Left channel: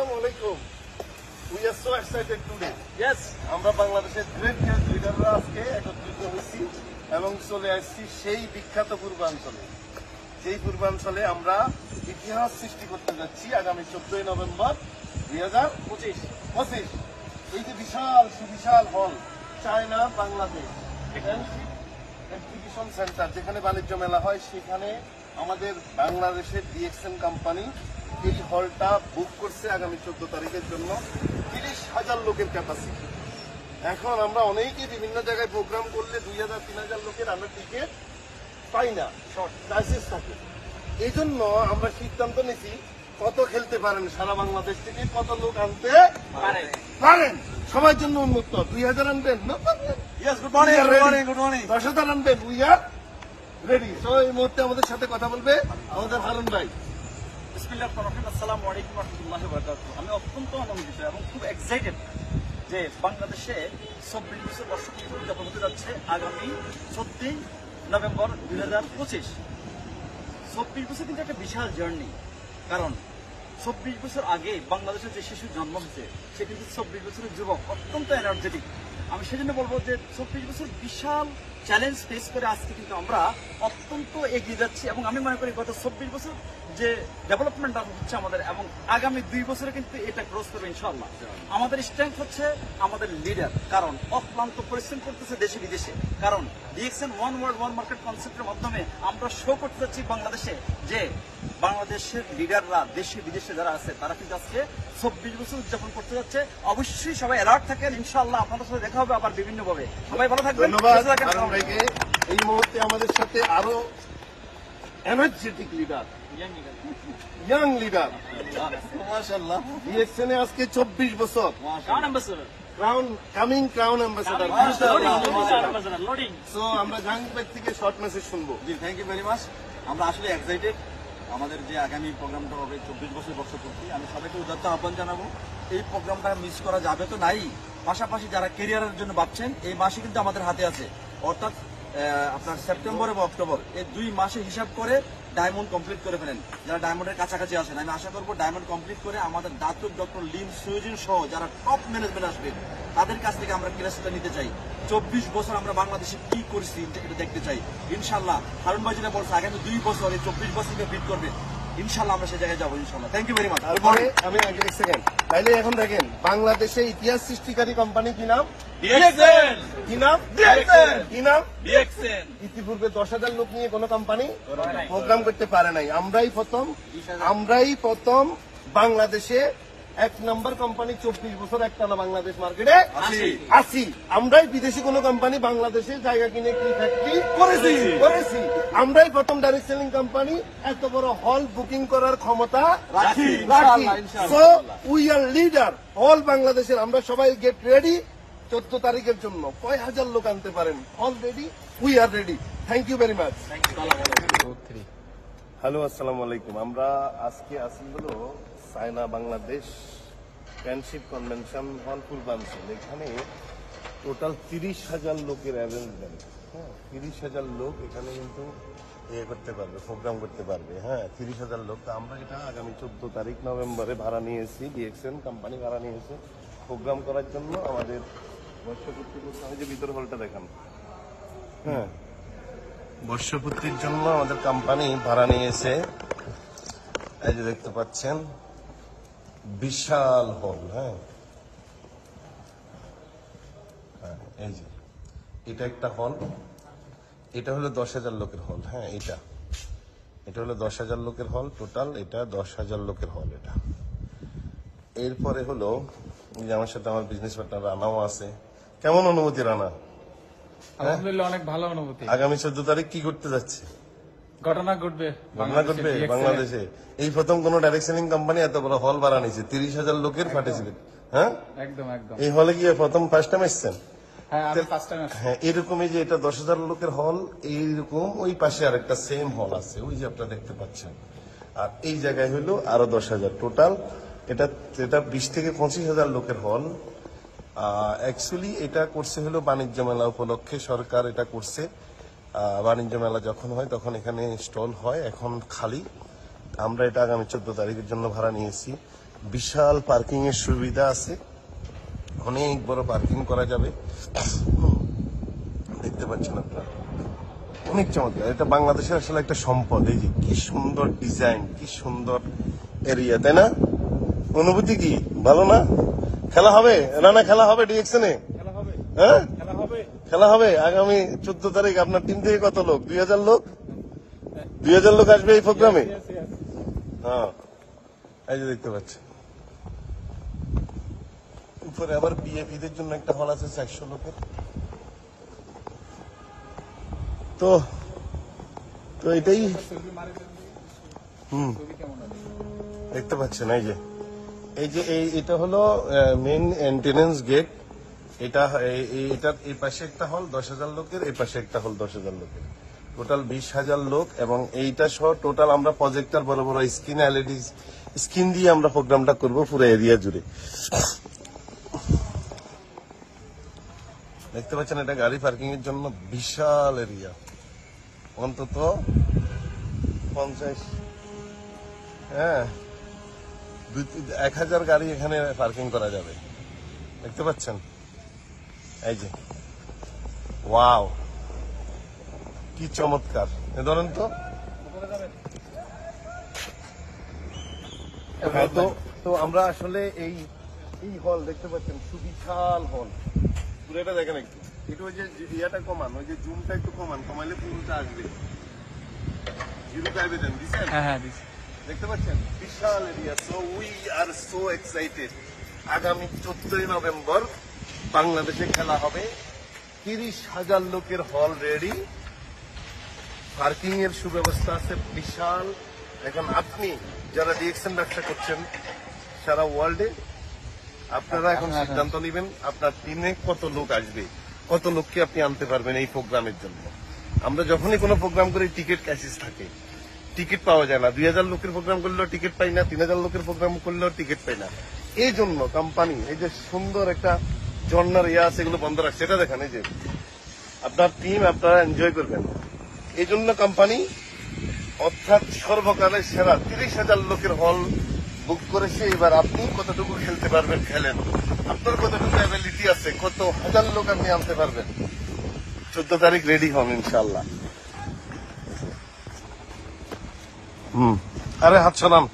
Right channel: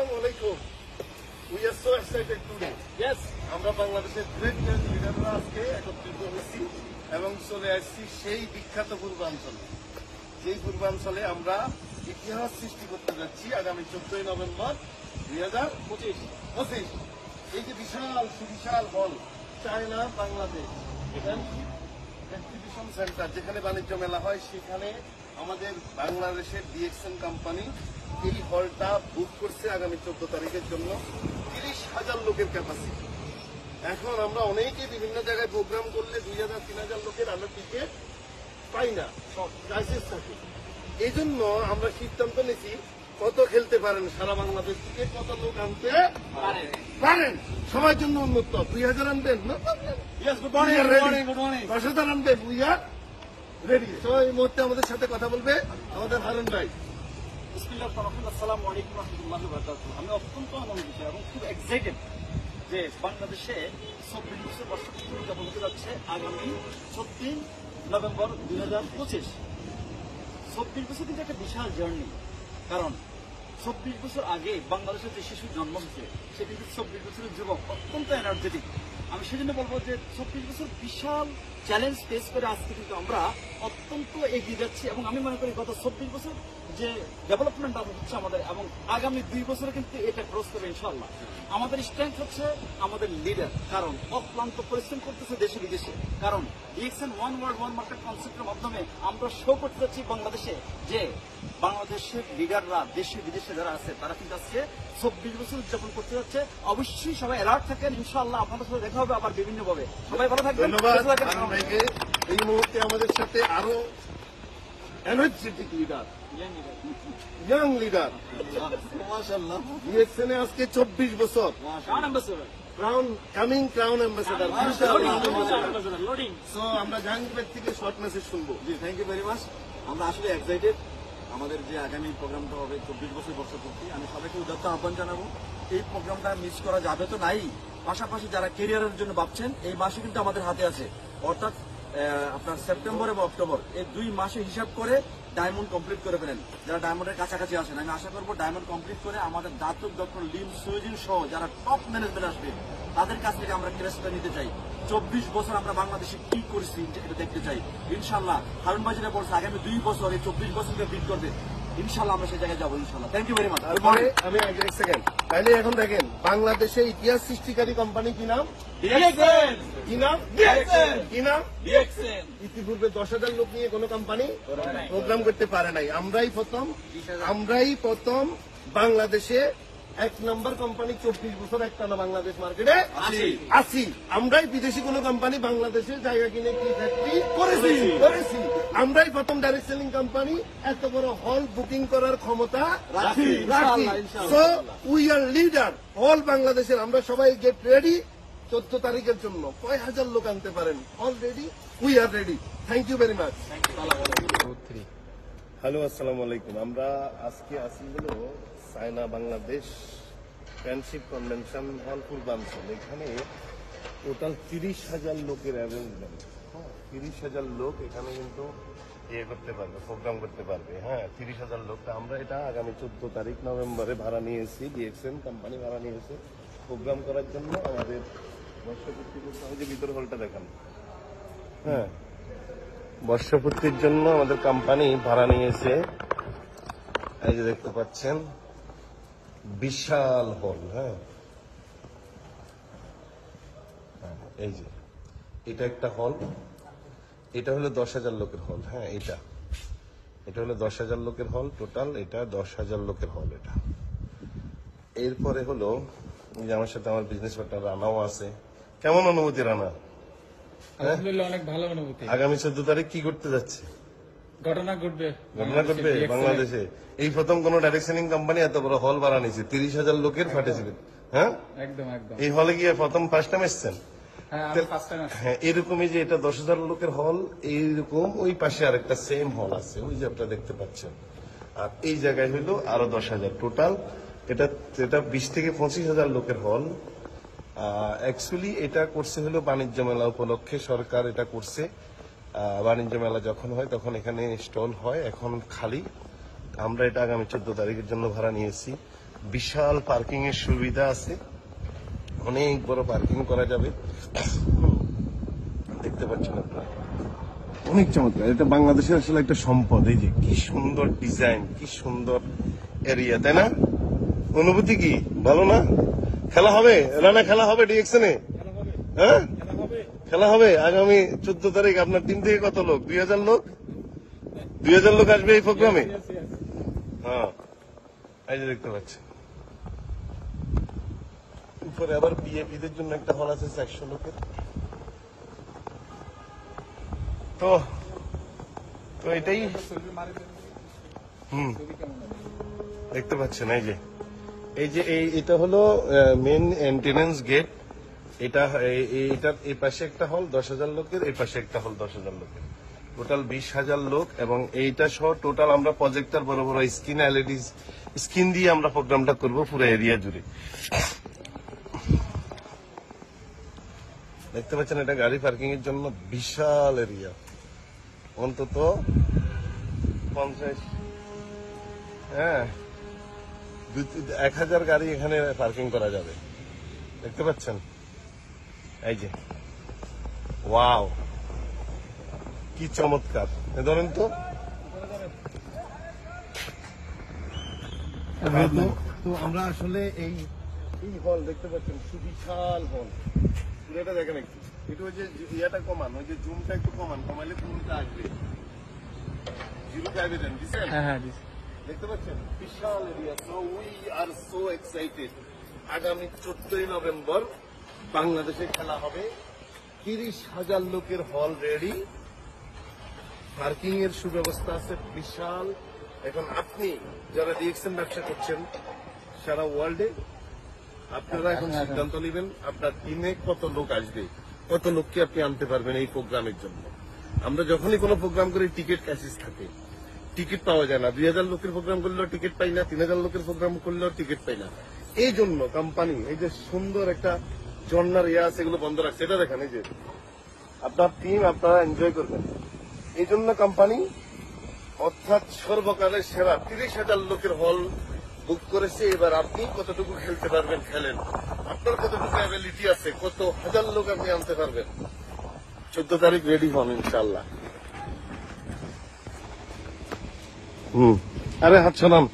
আসসালামু আলাইকুম। We are so excited today. Yes. আমরা বাংলাদেশের গ্রেট লিডাররা আজকে একত্রিত হয়েছি এবং চলে আসছি সেই বিখ্যাত পূর্বাঞ্চলে, যেই পূর্বাঞ্চলে আমরা ইতিহাস সৃষ্টি করতে যাচ্ছি আগামী 14 নভেম্বর 2025। এই যে বিশাল সুবিশাল হল, চায়না বাংলাদেশ এক্সিবিশন সেন্টার, যেখানে বাণিজ্য মেলা হয়, সেখানে আমাদের বাংলাদেশের ডিএক্সএন কোম্পানি এই হলটা বুক করছে আগামী 14 তারিখের জন্য 30,000 লোকের ক্যাপাসিটি। এখন আমরা অনেকেই বিভিন্ন জায়গায় প্রোগ্রাম করলে 2,000-3,000 লোকের আমরা টিকিট পাই না, শর্ট ক্রাইসিস থাকে। এই জন্য আমরা সিদ্ধান্ত নিয়েছি কত খেলতে পারেন সারা বাংলাদেশ থেকে, কত লোক আনতে পারেন, সবার জন্য উন্মুক্ত। 2,000 আনবেন, 10,000 আনবেন, উই আর রেডি। তো এই মুহূর্তে আমাদের সাথে কথা বলবে আমাদের হারুন ভাই। আসসালামু আলাইকুম ওয়া রাহমাতুল্লাহি ওয়া বারাকাতুহু। আমি অত্যন্ত আনন্দিত এবং খুব এক্সাইটেড যে বাংলাদেশে 24 বছর বর্ষপূর্তি উদযাপন হতে যাচ্ছে আগামী 14 নভেম্বর 2025। 24 বছর কিন্তু একটা বিশাল জার্নি, কারণ 24 বছর আগে বাংলাদেশের যে শিশুর জন্ম হয়েছে সে কিন্তু 24 বছরের যুবক, অত্যন্ত এনার্জেটিক। আমি সেজন্য বলবো যে 24 বছর বিশাল চ্যালেঞ্জ ফেস করে আজকে কিন্তু আমরা অত্যন্ত এগিয়ে যাচ্ছি এবং আমি মনে করি গত 24 বছর যে ডেভেলপমেন্ট হচ্ছে আমাদের, এবং আগামী 2 বছরে কিন্তু এটা ক্রস করবে ইনশাআল্লাহ। আমাদের স্ট্রেংথ হচ্ছে আমাদের লিডার, কারণ অক্লান্ত পরিশ্রম করতেছে দেশে বিদেশে, কারণ DXN one world one market কনসেপ্টের মাধ্যমে আমরা শো করতে চাচ্ছি বাংলাদেশে যে বাংলাদেশের লিডাররা দেশে বিদেশে যারা আছে তারা কিন্তু আজকে 24 বছর উদযাপন করতে যাচ্ছে। অবশ্যই সবাই অ্যালার্ট থাকেন, ইনশাআল্লাহ আপনাদের সাথে দেখা হবে আবার বিভিন্ন ভাবে। সবাই ভালো থাকবেন। ধন্যবাদ হারুন ভাইকে। এই মুহূর্তে আমাদের সাথে আরো এনার্জেটিক লিডার, ইয়াং লিডার, মাশাআল্লাহ। ডিএক্সএন আজকে 24 বছর, ক্রাউন অ্যাম্বাসেডর। সো আমরা জাহাঙ্গীর থেকে শর্ট মেসেজ শুনবো। জি, থ্যাংক ইউ ভেরি মাচ। আমরা আসলে এক্সাইটেড আমাদের যে আগামী প্রোগ্রামটা হবে 24 বছর বর্ষপূর্তি। আমি সবাইকে উদাত্ত আহ্বান জানাবো, এই প্রোগ্রামটা মিস করা যাবে তো নাই। পাশাপাশি যারা কেরিয়ারের জন্য ভাবছেন, এই মাসে কিন্তু আমাদের হাতে আছে, অর্থাৎ আপনার সেপ্টেম্বর এবং অক্টোবর, এই 2 মাসে হিসাব করে ডায়মন্ড কমপ্লিট করে ফেলেন। যারা ডায়মন্ডের কাছাকাছি আসেন, আমি আশা করবো ডায়মন্ড কমপ্লিট করে আমাদের দাতুর ডক্টর লিম সুজিন সহ যারা টপ ম্যানেজমেন্ট আসবেন তাদের কাছ থেকে আমরা ক্লাসটা নিতে চাই। 24 বছর আমরা বাংলাদেশে কি করছি এটা দেখতে চাই। ইনশাল্লাহ হারুন ভাই যেটা বলছে আগামী 2 বছর এই 24 বছরকে বিট করবে, ইনশাল্লাহ আমরা সেই জায়গায় যাবো ইনশাল্লাহ। Thank you very much. তারপরে আমি আগে এক সেকেন্ড, তাইলে এখন দেখেন বাংলাদেশে ইতিহাস সৃষ্টিকারী কোম্পানি কি নাম? ডিএক্সএন। কি নাম? ডিএক্সএন। কি নাম? ডিএক্সএন। ইতিপূর্বে 10,000 লোক নিয়ে কোনো কোম্পানি প্রোগ্রাম করতে পারে নাই। আমরাই প্রথম বাংলাদেশে 1 নম্বর কোম্পানি 24 বছর একটানা বাংলাদেশ মার্কেটে আসি। আমরাই বিদেশি কোন কোম্পানি বাংলাদেশে জায়গা কিনে কি ফ্যাক্টরি করেছি। আমরাই প্রথম ডাইরেক্ট সেলিং কোম্পানি এত বড় হল বুকিং করার ক্ষমতা রাখি। So we R leader all বাংলাদেশের। আমরা সবাই গেট রেডি 14 তারিখের জন্য। কয় হাজার লোক আনতে পারেন, all ready, we are ready. Thank you very much. Hello, আসসালামু আলাইকুম। আমরা আজকে আসি হলো China Bangladesh friendship convention hall পূর্বাঞ্চল। এখানে টোটাল 30,000 লোকের অ্যারেঞ্জমেন্ট। 30,000 লোক এখানে কিন্তু করতে পারবে, প্রোগ্রাম করতে পারবে। হ্যাঁ, 30,000 লোক। আমরা এটা আগামী 14 তারিখ নভেম্বরে ভাড়া নিয়েছি, ডিএক্সএন কোম্পানি ভাড়া নিয়েছে প্রোগ্রাম করার জন্য। আমাদের বর্ষপূর্তি করতে হবে, যে ভিতর হলটা দেখান। হ্যাঁ, বর্ষপূর্তির জন্য আমাদের কোম্পানি ভাড়া নিয়েছে। এই যে দেখতে পাচ্ছেন বিশাল হল। হ্যাঁ, এই যে এটা একটা হল, এটা হলো 10,000 লোকের হল। হ্যাঁ, এটা হলো 10,000 লোকের হল টোটাল। এটা 10,000 লোকের হল এটা। এরপরে হলো যে আমার সাথে আমার বিজনেস পার্টনার রানাও আছে। কেমন অনুভূতি রানা? আলহামদুলিল্লাহ, অনেক ভালো অনুভূতি। আগামী 14 তারিখ কি করতে যাচ্ছে? ঘটনা ঘটবে বাংলাদেশে। এই প্রথম কোন ডাইরেক্ট সেলিং কোম্পানি এত বড় হল ভাড়া নিয়েছে, 30,000 লোকের পার্টিসিপেট। হ্যাঁ, একদম। এই হলে গিয়ে প্রথম ফার্স্ট টাইম এসছেন? হ্যাঁ, এরকমই যে এটা 10,000 লোকের হল, এইরকম ওই পাশে আরেকটা সেম হল আছে, ওই যে আপনারা দেখতে পাচ্ছেন। আর এই জায়গায় হলো আরো 10,000 টোটাল। এটা 20 থেকে 25,000 লোকের হল। অ্যাকচুয়ালি এটা করছে হলো বাণিজ্য মেলা উপলক্ষে, সরকার এটা করছে। বাণিজ্য মেলা যখন হয় তখন এখানে স্টল হয়, এখন খালি। আমরা এটা আগামী 14 তারিখের জন্য ভাড়া নিয়েছি। বিশাল পার্কিং এর সুবিধা আছে, অনেক বড় পার্কিং করা যাবে। দেখতে পাচ্ছেন আপনারা, অনেক চমৎকার। এটা বাংলাদেশের আসলে একটা সম্পদ। এই যে কি সুন্দর ডিজাইন, কি সুন্দর এরিয়া, তাই না? অনুভূতি কি ভালো না? খেলা হবে রানা, খেলা হবে ডিএক্সনে, হ্যাঁ খেলা হবে আগামী 14 তারিখ। আপনার টিম থেকে কত লোক? 2000 লোক, 2000 লোক আসবে এই প্রোগ্রামে। হ্যাঁ, এই যে দেখতে পাচ্ছেন উপরে আবার বিএপিদের জন্য একটা হল আছে 400 লোকের। তো তো এটাই দেখতে পাচ্ছেন। এটা হলো মেন এন্ট্রেন্স গেট। এটার এই পাশে একটা হল 10,000 লোকের, এই পাশে একটা হল 10,000 লোকের, টোটাল 20,000 লোক। এবং এইটা সহ টোটাল আমরা প্রজেক্টর বড় বড় স্ক্রিন, এলইডি স্ক্রিন দিয়ে আমরা প্রোগ্রামটা করবো পুরো এরিয়া জুড়ে। দেখতে পাচ্ছেন এটা গাড়ি পার্কিং এর জন্য বিশাল এরিয়া, অন্তত 50 1000 গাড়ি এখানে পার্কিং করা যাবে। দেখতে পাচ্ছেন, এই যে ওয়াও, কি চমৎকার। ধরেন তো তো আমরা আসলে এই হল দেখতে পাচ্ছেন, সুবিশাল হল। পুরোটা দেখেন একটু, একটু ওই যে ইয়াটা কমান, ওই যে জুমটা একটু কমাইলে পুরোটা আসবে। 0 দেন দিচ্ছেন? হ্যাঁ দিছি। দেখতে পাচ্ছেন বিশাল area. So we are so excited. আগামী 14 নভেম্বর বাংলাদেশে খেলা হবে। 30,000 লোকের হল রেডি, পার্কিং এর সুব্যবস্থা আছে বিশাল। এখন আপনি যারা ডিএক্সএন ব্যবসা করছেন সারা ওয়ার্ল্ডে, আপনারা এখন সিদ্ধান্ত নেবেন আপনার টিমে কত লোক আসবে, কত লোককে আপনি আনতে পারবেন এই প্রোগ্রামের জন্য। আমরা যখনই কোনো প্রোগ্রাম করি টিকিট ক্যাসিস থাকে, টিকিট পাওয়া যায় না। 2000 লোকের প্রোগ্রাম করলেও টিকিট পাই না, 3000 লোকের প্রোগ্রাম করলেও টিকিট পাই না। এই জন্য কোম্পানি এই যে সুন্দর একটা ঝর্ণার ইয়ে আছে, এগুলো বন্ধ রাখছে। এটা দেখেন, এই যে আপনার টিম আপনারা এনজয় করবেন। এই জন্য কোম্পানি অর্থাৎ সর্বকালের সেরা 30,000 লোকের হল বুক করেছে। এবার আপনি কতটুকু খেলতে পারবেন খেলেন, আপনার কতটুকু অ্যাবিলিটি আছে, কত হাজার লোক আপনি আনতে পারবেন। 14 তারিখ রেডি হন ইনশাল্লাহ। আরে হাত সালাম।